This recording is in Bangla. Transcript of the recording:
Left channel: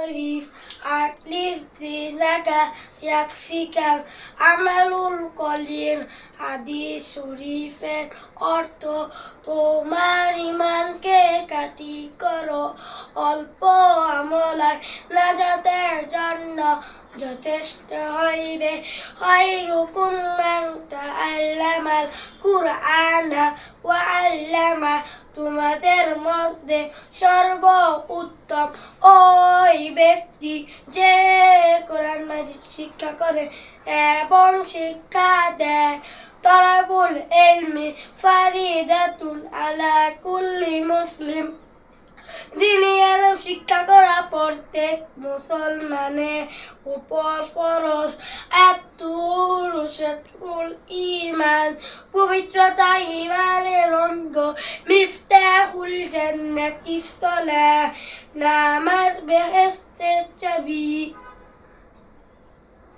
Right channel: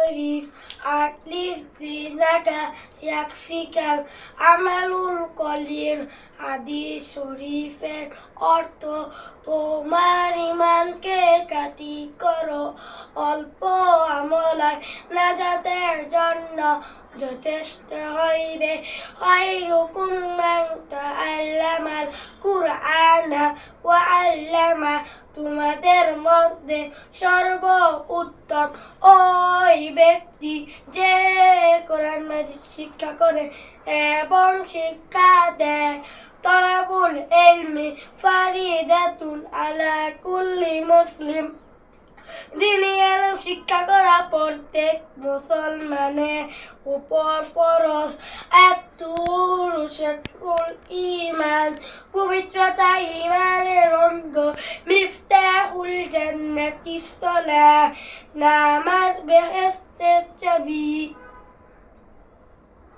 শরীফ আটলিফ জিনাকা ইয়াকফিকাল আমালুল কলিল। হাদিস শরীফের অর্থ, তোমার ইমানকে কাটি করো, অল্প আমলায় নাজাতের জন্য যথেষ্ট হইবে। খায়রুকুম মান তাআল্লামাল কুরআনা ওয়া আল্লামা। তোমাদের মধ্যে সর্ব উত্তম ওই ব্যক্তি যে কোরআন মাজিদ শিক্ষা করে এবং শিক্ষা দেয়। তলাবুল ইলমি ফারিদাতুন আলা কুল্লি মুসলিম। দ্বীনি ইলম শিক্ষা করা প্রত্যেক মুসলমানের উপর ফরজ। আত-তুহুরু শাতরুল ঈমান। পবিত্রতা ঈমানের অঙ্গ। মিফতাহুল জান্নাতিস সালাহ। নামাজ বেহেশতের চাবি।